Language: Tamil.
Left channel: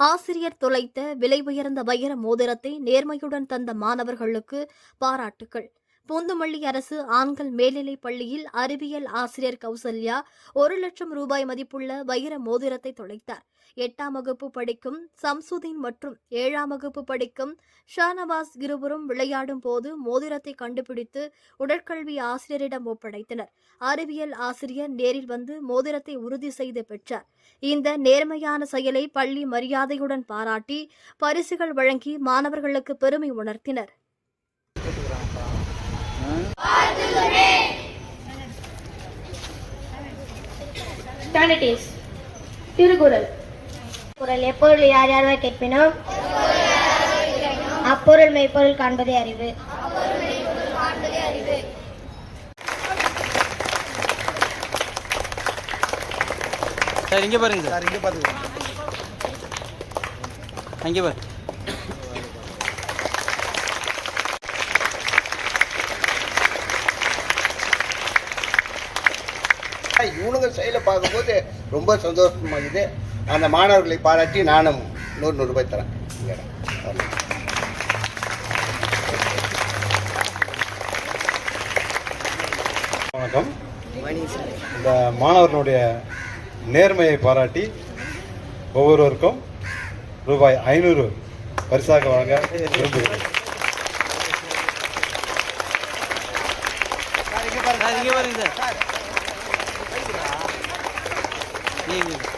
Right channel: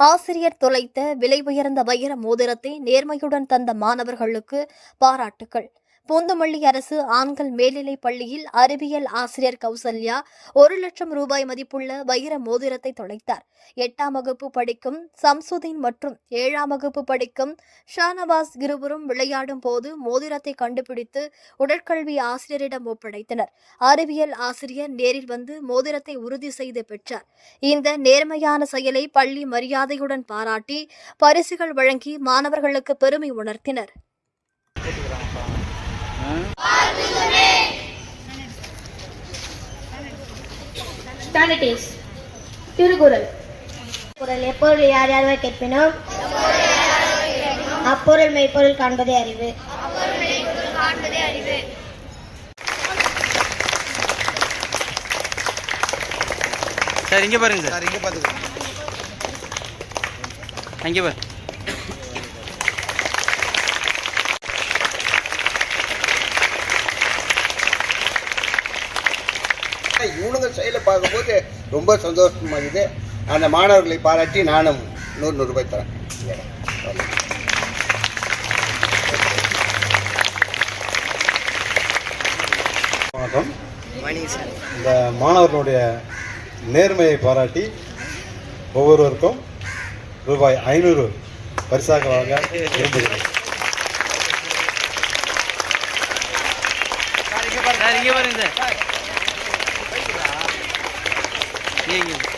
ஆசிரியர் தொலைத்த விலை உயர்ந்த வைர மோதிரத்தை நேர்மையுடன் தந்த மாணவர்களுக்கு பாராட்டுகள் பூந்தமல்லி அரசு ஆண்கள் மேல்நிலைப் பள்ளியில் அறிவியல் ஆசிரியர் கௌசல்யா ஒரு லட்சம் ரூபாய் மதிப்புள்ள வைர மோதிரத்தை தொலைத்தார் எட்டாம் வகுப்பு படிக்கும் சம்சுதீன் மற்றும் ஏழாம் வகுப்பு படிக்கும் ஷானவாஸ் இருவரும் விளையாடும் போது மோதிரத்தை கண்டுபிடித்து உடற்கல்வி ஆசிரியரிடம் ஒப்படைத்தனர். அறிவியல் ஆசிரியர் நேரில் வந்து மோதிரத்தை உறுதி செய்து பெற்றார். இந்த நேர்மையான செயலை பள்ளி மரியாதையுடன் பாராட்டி பரிசுகள் வழங்கி மாணவர்களுக்கு பெருமை உணர்த்தினர். ஸ்டாண்டர்டேஸ் திருக்குறள். குறள் எப்பொருள் யார் யார் கேட்பினும் அப்பொருள் மெய்ப்பொருள் காண்பதே அறிவு. சார் இங்கே பாருங்க சார். இங்கே பார்த்துக்கலாம் அங்கே பாரு. இவனுங்க செயலை பார்க்கும்போது ரொம்ப சந்தோஷமாகுது அந்த மாணவர்களை பாராட்டி நானும் நூறு நூறு ரூபாய் தரேன். வணக்கம். இந்த மாணவர்களுடைய நேர்மையை பாராட்டி ஒவ்வொருவருக்கும் ரூபாய் ஐநூறு பரிசாக வாங்க விரும்புகிறேன். இங்கே பாருங்க சார். இங்கே